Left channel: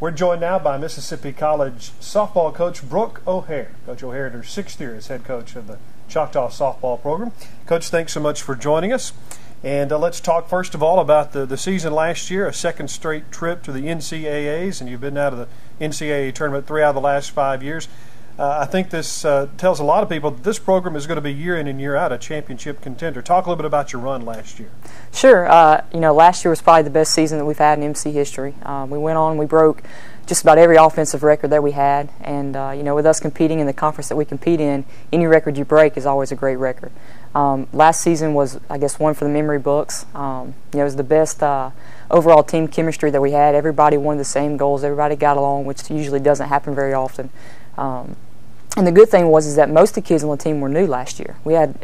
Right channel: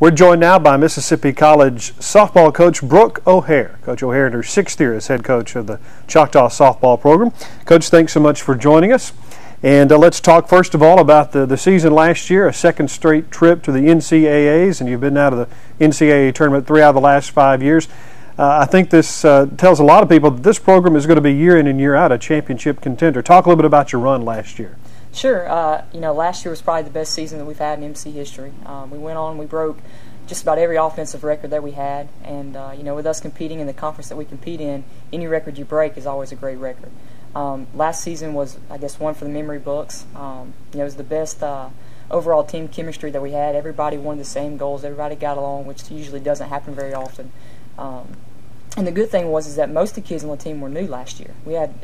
We're joined now by Mississippi College softball coach Brooke O'Hare. Coach O'Hare in her 6th year as head coach of the Choctaw softball program. Coach, thanks so much for joining us. And let's talk first of all about the season last year, a second straight trip to the NCAAs, and you've been out of the NCAA tournament 3 out of the last 5 years. I think this tells a lot of people that this program is going to be year in and year out a championship contender. Talk a little bit about your run last year. Sure. Last year was probably the best season that we've had in MC history. We went on, we broke just about every offensive record that we had, and with us competing in the conference that we compete in, any record you break is always a great record. Last season was, I guess, one for the memory books. It was the best overall team chemistry that we had. Everybody wanted the same goals. Everybody got along, which usually doesn't happen very often. And the good thing was that most of the kids on the team were new last year. We had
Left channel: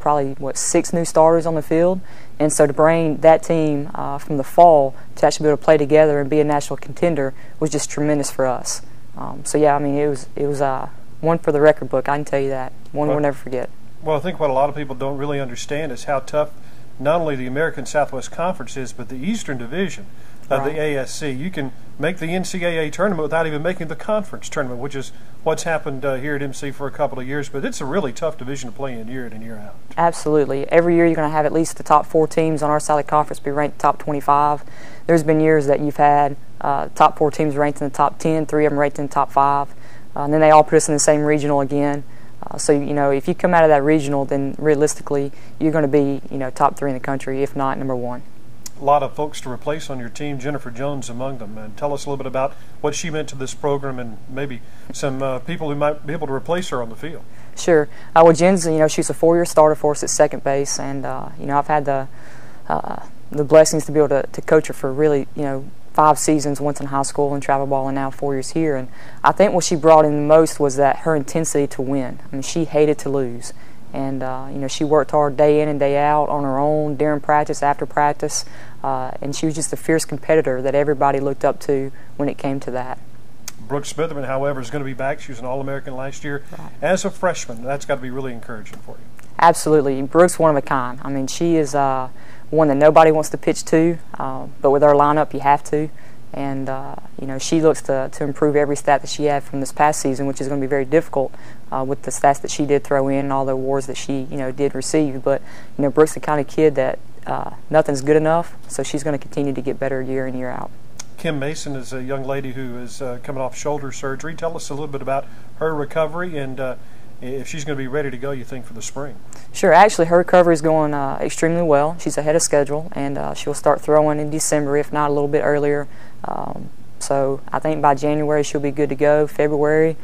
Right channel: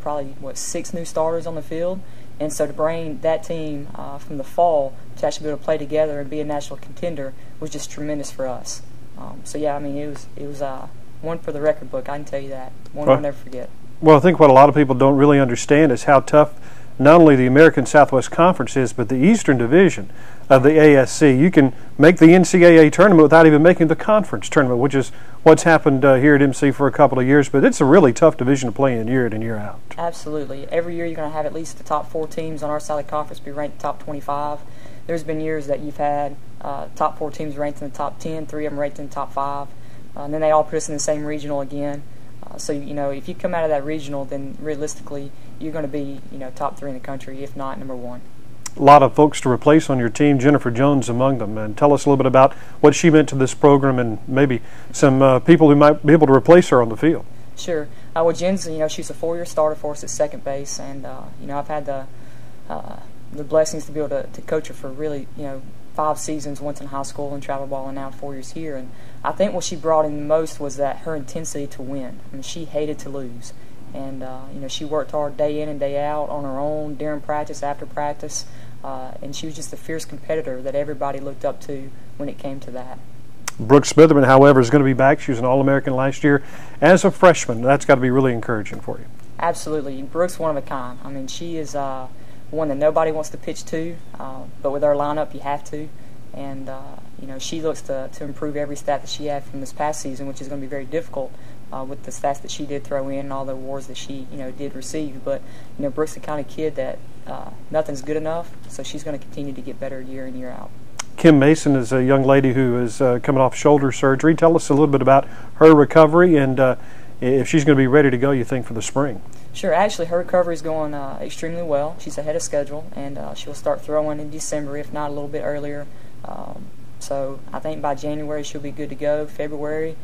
probably, 6 new starters on the field. And so to bring that team from the fall to actually be able to play together and be a national contender was just tremendous for us. It was one for the record book, I can tell you that. One we'll never forget. Well, I think what a lot of people don't really understand is how tough not only the American Southwest Conference is, but the Eastern Division of the ASC. You can make the NCAA tournament without even making the conference tournament, which is what's happened here at MC for a couple of years, but it's a really tough division to play in year out. Absolutely. Every year you're going to have at least the top 4 teams on our side of the conference be ranked top 25. There's been years that you've had top 4 teams ranked in the top 10, 3 of them ranked in the top 5, and then they all put us in the same regional again. If you come out of that regional, then realistically you're going to be top 3 in the country, if not number 1. A lot of folks to replace on your team, Jennifer Jones among them. And tell us a little bit about what she meant to this program and maybe some people who might be able to replace her on the field. Sure. Jen's, she's a 4-year starter for us at second base, and I've had the blessings to be able to coach her for really 5 seasons, once in high school and travel ball, and now 4 years here. And I think what she brought in the most was that her intensity to win. I mean, she hated to lose, and she worked hard day in and day out on her own during practice, after practice. And she was just a fierce competitor that everybody looked up to when it came to that. Brooke Smitherman, however, is going to be back. She was an All-American last year as a freshman. That's got to be really encouraging for you. Absolutely. Brooke's one of a kind. I mean, she is one that nobody wants to pitch to, but with our lineup, you have to. And, she looks to improve every stat that she had from this past season, which is going to be very difficult with the stats that she did throw in and all the awards that she, did receive. But, Brooke's the kind of kid that nothing's good enough, so she's going to continue to get better year in, year out. Kim Mason is a young lady who is coming off shoulder surgery. Tell us a little bit about her recovery and if she's going to be ready to go, you think, for the spring. Sure. Actually, her recovery is going extremely well. She's ahead of schedule, and she'll start throwing in December, if not a little bit earlier. So I think by January she'll be good to go. February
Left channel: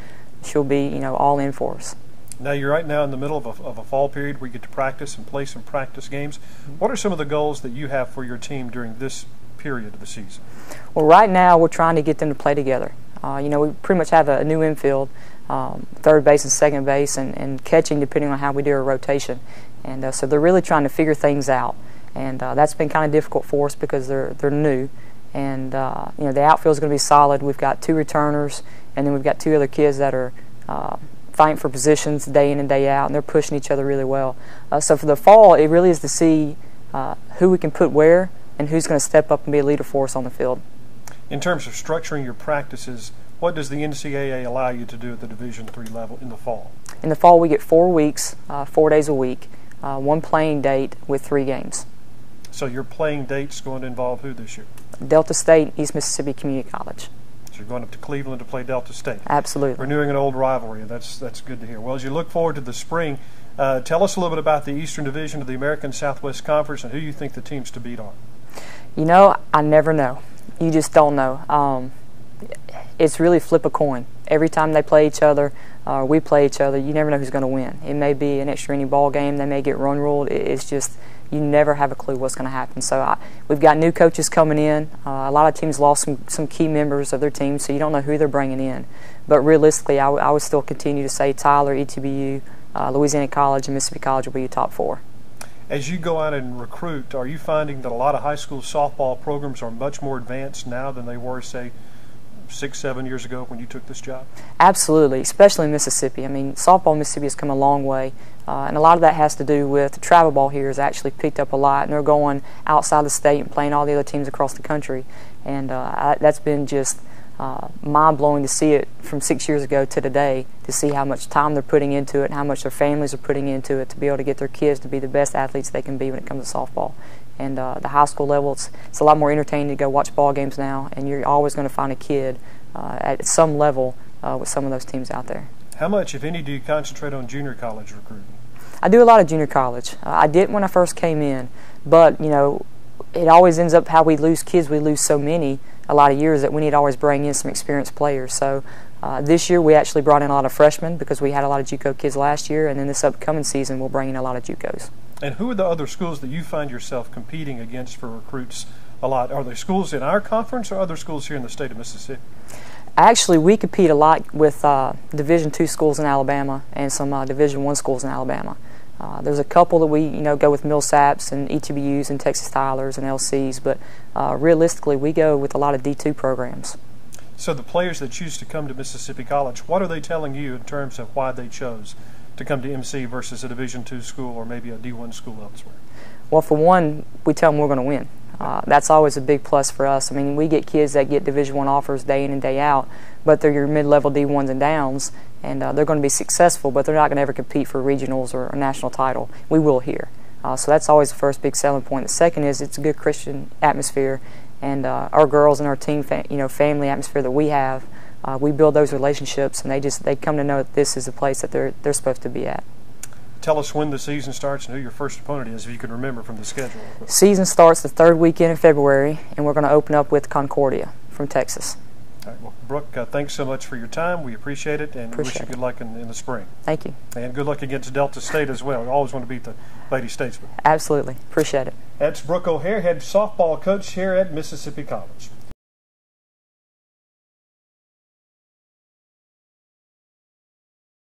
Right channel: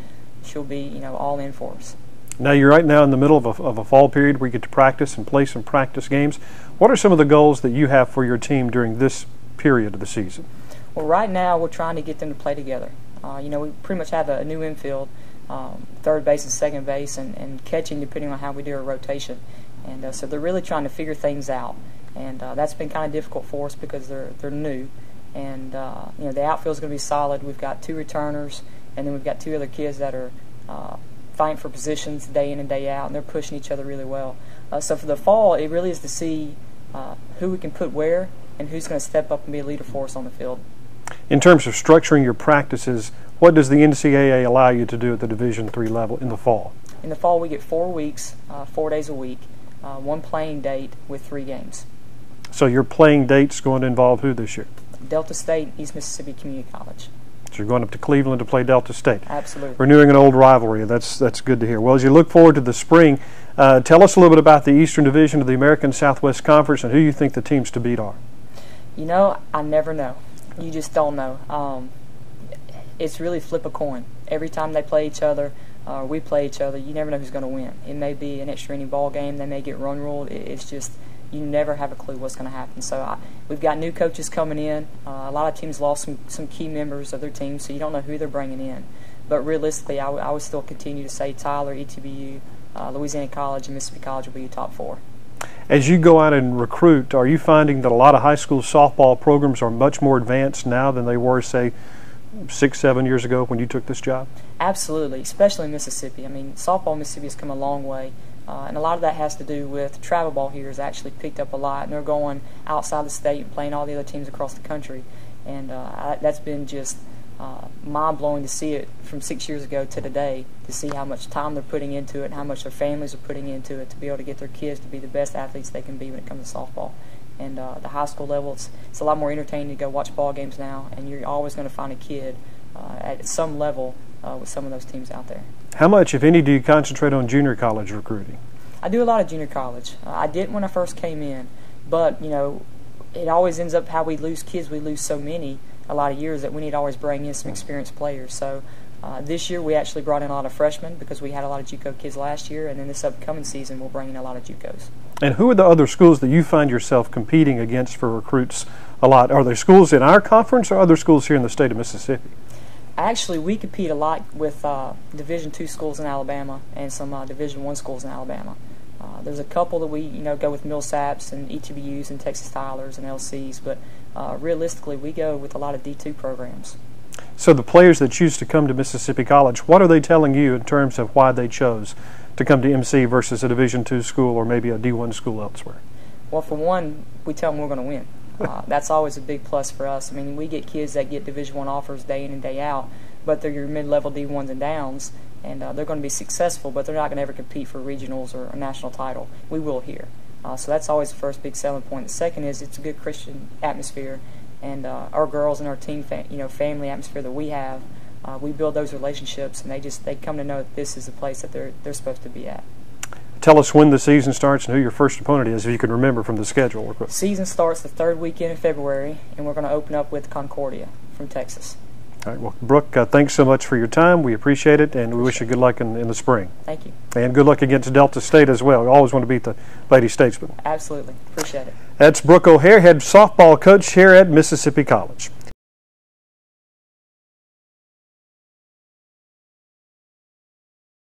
she'll be, all in for us. Now, you're right now in the middle of a fall period where you get to practice and play some practice games. What are some of the goals that you have for your team during this period of the season? Well, right now we're trying to get them to play together. We pretty much have a new infield, third base and second base, and catching depending on how we do our rotation. And so they're really trying to figure things out. And that's been kind of difficult for us because they're new. And the outfield is going to be solid. We've got 2 returners, and then we've got 2 other kids that are fighting for positions day in and day out, and they're pushing each other really well. So for the fall, it really is to see who we can put where and who's going to step up and be a leader for us on the field. In terms of structuring your practices, what does the NCAA allow you to do at the Division III level in the fall? In the fall, we get 4 weeks, 4 days a week, 1 playing date with 3 games. So your playing date's going to involve who this year? Delta State, East Mississippi Community College. So you're going up to Cleveland to play Delta State. Absolutely. Renewing an old rivalry. That's good to hear. Well, as you look forward to the spring, tell us a little bit about the Eastern Division of the American Southwest Conference and who you think the teams to beat are. I never know. You just don't know. It's really flip a coin. Every time they play each other, we play each other, you never know who's going to win. It may be an extra inning ball game. They may get run ruled. It's just, you never have a clue what's going to happen. So we've got new coaches coming in. A lot of teams lost some key members of their team, so you don't know who they're bringing in. But realistically, I would still continue to say Tyler, ETBU, Louisiana College, and Mississippi College will be your top 4. As you go out and recruit, are you finding that a lot of high school softball programs are much more advanced now than they were, say, 6, 7 years ago when you took this job? Absolutely, especially in Mississippi. I mean, softball in Mississippi has come a long way. And a lot of that has to do with travel ball here has actually picked up a lot, and they're going outside the state and playing all the other teams across the country. And that's been just mind-blowing to see it from 6 years ago to today, to see how much time they're putting into it and how much their families are putting into it to be able to get their kids to be the best athletes they can be when it comes to softball. And the high school level, it's a lot more entertaining to go watch ball games now, and you're always going to find a kid at some level with some of those teams out there. How much, if any, do you concentrate on junior college recruiting? I do a lot of junior college. I didn't when I first came in, but you know, it always ends up how we lose kids. We lose so many a lot of years that we need to always bring in some experienced players. So this year we actually brought in a lot of freshmen because we had a lot of JUCO kids last year, and then this upcoming season we'll bring in a lot of JUCOs. And who are the other schools that you find yourself competing against for recruits a lot? Are there schools in our conference or other schools here in the state of Mississippi? Actually, we compete a lot with Division II schools in Alabama and some Division I schools in Alabama. There's a couple that we go with Millsaps and ETBUs and Texas Tylers and LCs, but realistically we go with a lot of D2 programs. So the players that choose to come to Mississippi College, what are they telling you in terms of why they chose to come to MC versus a Division II school or maybe a D1 school elsewhere? Well, for one, we tell them we're going to win. That's always a big plus for us. I mean, we get kids that get Division I offers day in and day out, but they're your mid-level D1s and downs, and they're going to be successful, but they're not going to ever compete for regionals or a national title. We will here. So that's always the first big selling point. The second is it's a good Christian atmosphere, and our girls and our team, family atmosphere that we have, we build those relationships, and they come to know that this is the place that they're supposed to be at. Tell us when the season starts and who your first opponent is, if you can remember from the schedule. Season starts the third weekend in February, and we're going to open up with Concordia from Texas. All right, well, Brooke, thanks so much for your time. We appreciate it, and we wish you good luck in the spring. Thank you. And good luck against Delta State as well. We always want to beat the Lady Statesmen. Absolutely. Appreciate it. That's Brooke O'Hare, head softball coach here at Mississippi College.